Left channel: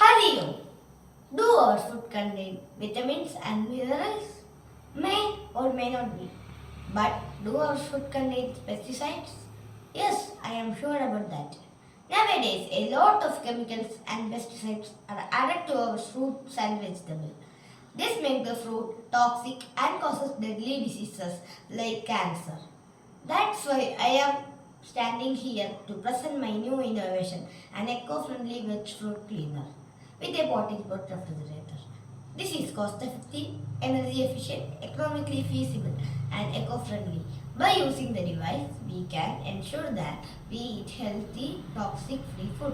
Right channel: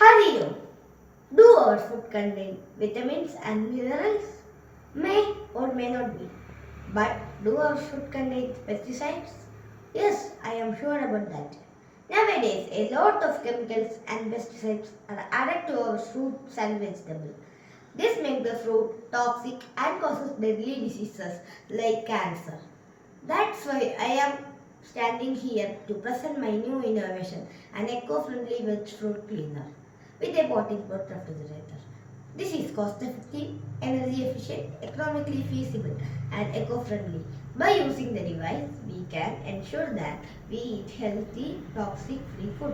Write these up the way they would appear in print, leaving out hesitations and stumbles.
Hariyo, do our food contain vitamins and minerals? May or may not be. But do our food contain pesticides? Yes, I am sure about that. Nowadays, a lot of chemicals and pesticides are added to our fruits and vegetables. This makes the fruit toxic and causes deadly diseases like cancer. That's why I am standing here to present my new innovation, an eco-friendly veg fruit cleaner with a pot-in-pot refrigerator. This is cost-effective, energy efficient, economically feasible and eco-friendly. By using the device, we can ensure that we eat healthy, toxic-free food.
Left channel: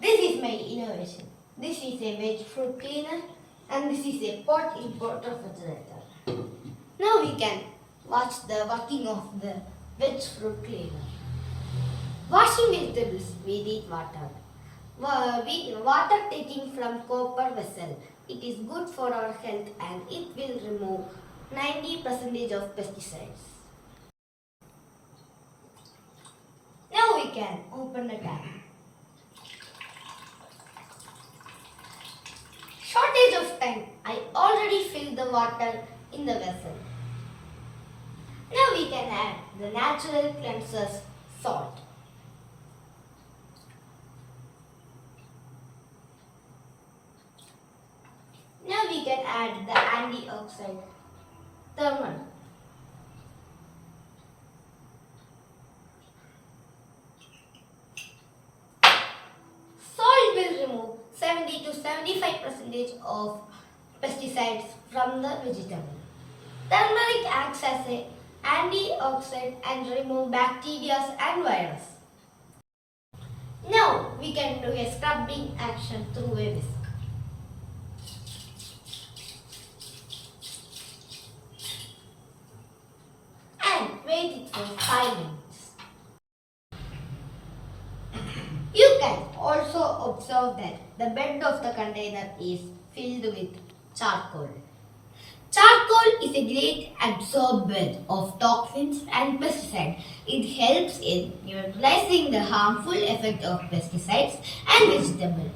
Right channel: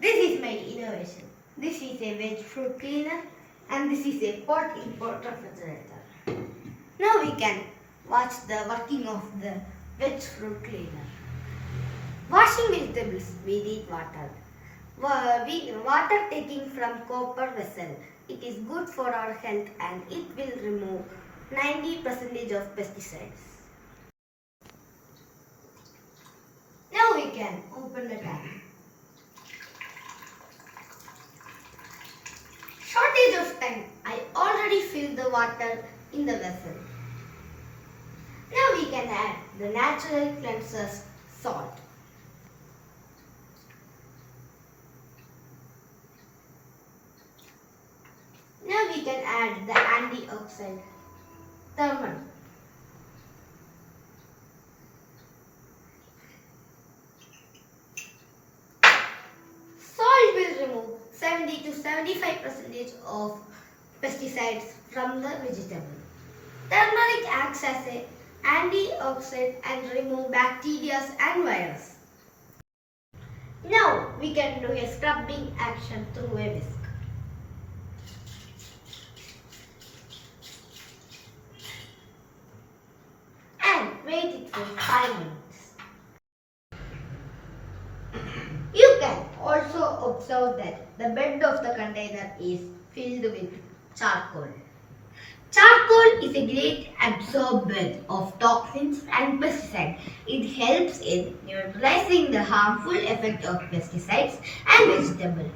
This is my innovation. This is a veg fruit cleaner and this is a pot-in-pot refrigerator. Now we can watch the working of the veg fruit cleaner. Washing vegetables, we need water. Water taking from copper vessel. It is good for our health and it will remove 90% of pesticides. Now we can open the tap. Shortage of time. I already filled the water in the vessel. Now we can add the natural cleansers salt. Now we can add the antioxidant turmeric. Salt will remove 70 to 75% of pesticides from the vegetable. Turmeric acts as an antioxidant and remove bacteria and virus. Now we can do a scrubbing action through a whisk. And wait it for 5 minutes. You can also observe that the bed of the container is filled with charcoal. Charcoal is a great absorber of toxins and pesticides. It helps in neutralizing the harmful effect of pesticides and vegetables.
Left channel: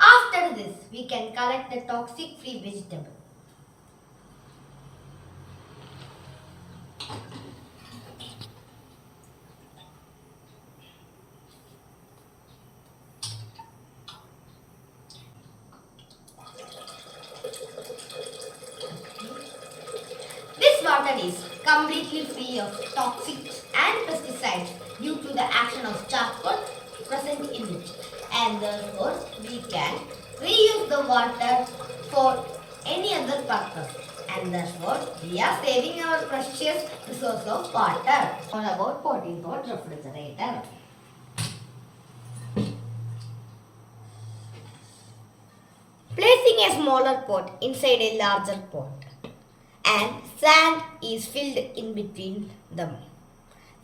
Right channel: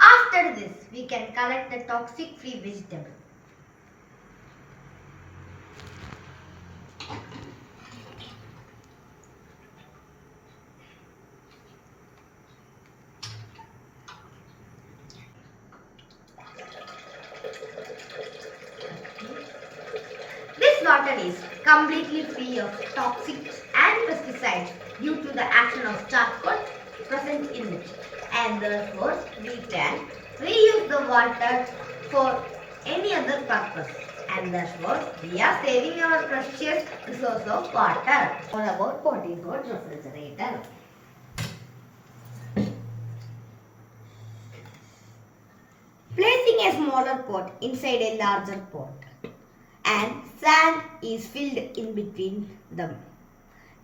After this, we can collect the toxic-free vegetable. This water is completely free of toxics and pesticides due to the action of charcoal present in it. And therefore, we can reuse the water for any other purpose. And therefore, we are saving our precious resource of water. All about pot-in-pot refrigerator. Placing a smaller pot inside a larger pot and sand is filled in between them.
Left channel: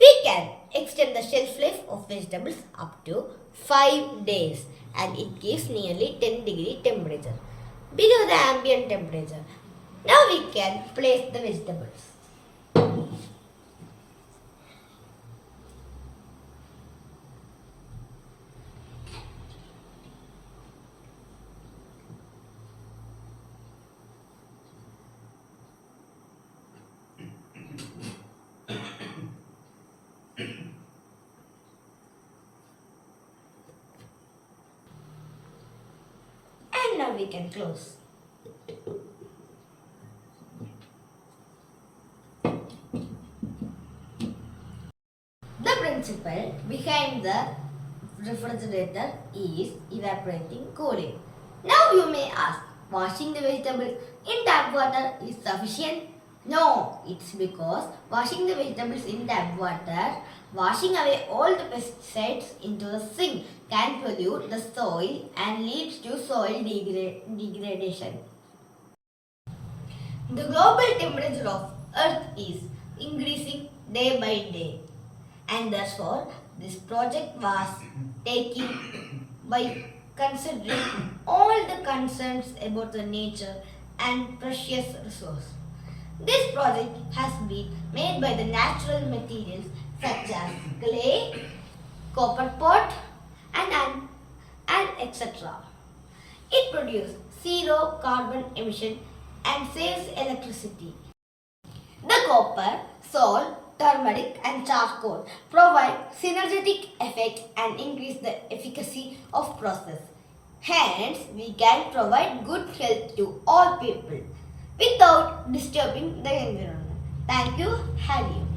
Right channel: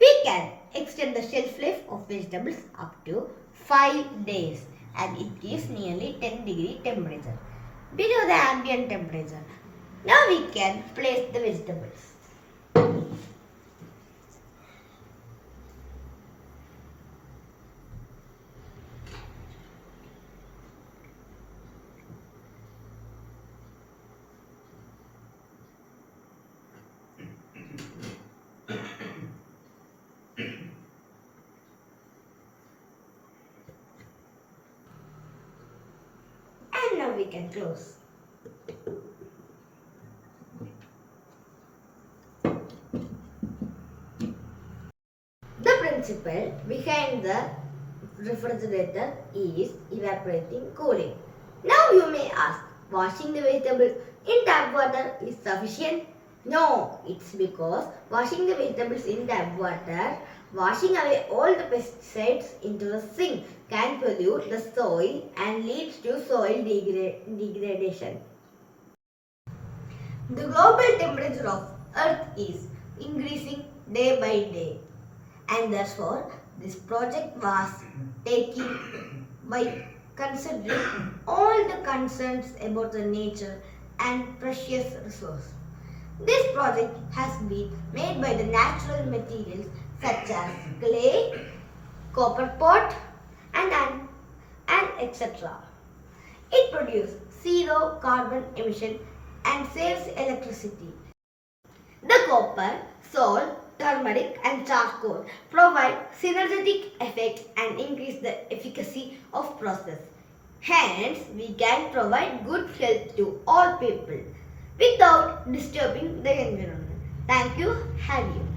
We can extend the shelf life of vegetables up to 5 days and it gives nearly 10-degree temperature below the ambient temperature. Now we can place the vegetables. And now we can close. The principle behind the refrigerator is evaporating cooling. Now you may ask, washing the vegetables in tap water is sufficient? No, it's because washing the vegetables in tap water, washing away all the pesticides into the sink can pollute the soil and leads to soil degradation. The global temperature of Earth is increasing day by day. And therefore, this project was taken by considering all the concerns about the nature and precious resource. This project has been made by the natural materials such as clay, copper pot, and etc. It produces zero carbon emission and saves electricity. The copper, salt, turmeric and charcoal provide synergetic effect and increase the efficacy of process. Hence, we can provide good health to all people without disturbing the environment. Thank you. Adieu.